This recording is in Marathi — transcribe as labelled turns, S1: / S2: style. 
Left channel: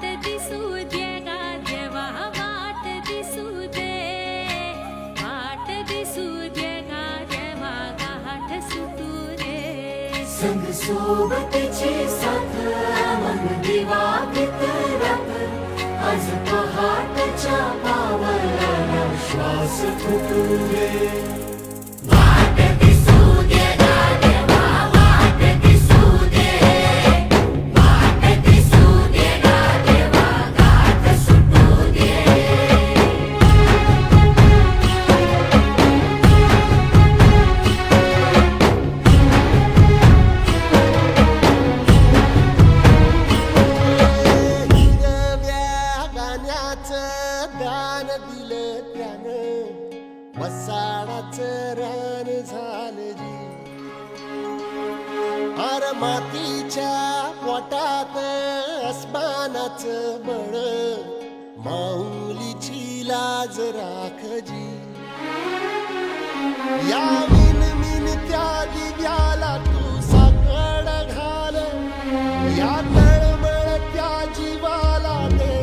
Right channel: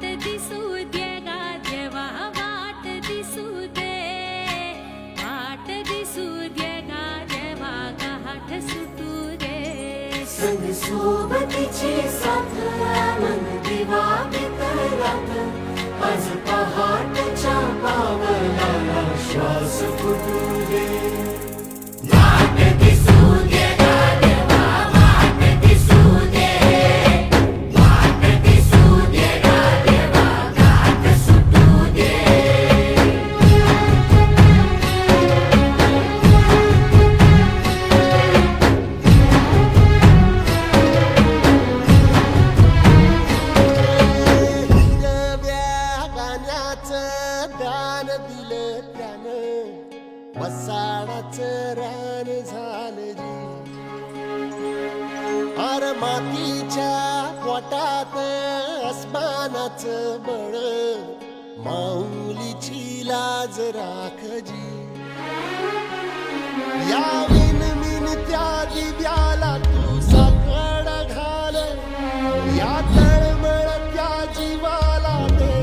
S1: वाट दिसू दे गा देवा वाट दिसू दे. वाट दिसू दे गा देवा गाठ सुटू रे संग साथ मन दिवा मित्ररात आज पहाटच्या पावलाला श्वास तुटू रे
S2: दान दिलं त्यान. वसाडाच रान झालं जी. आर मातीच्या पोटात आसमानाच बळ. माऊलीची लाज राखजी या विन मिन त्या दिव्याला तू साकड घाल. या तळमळ त्या जीवाला दे.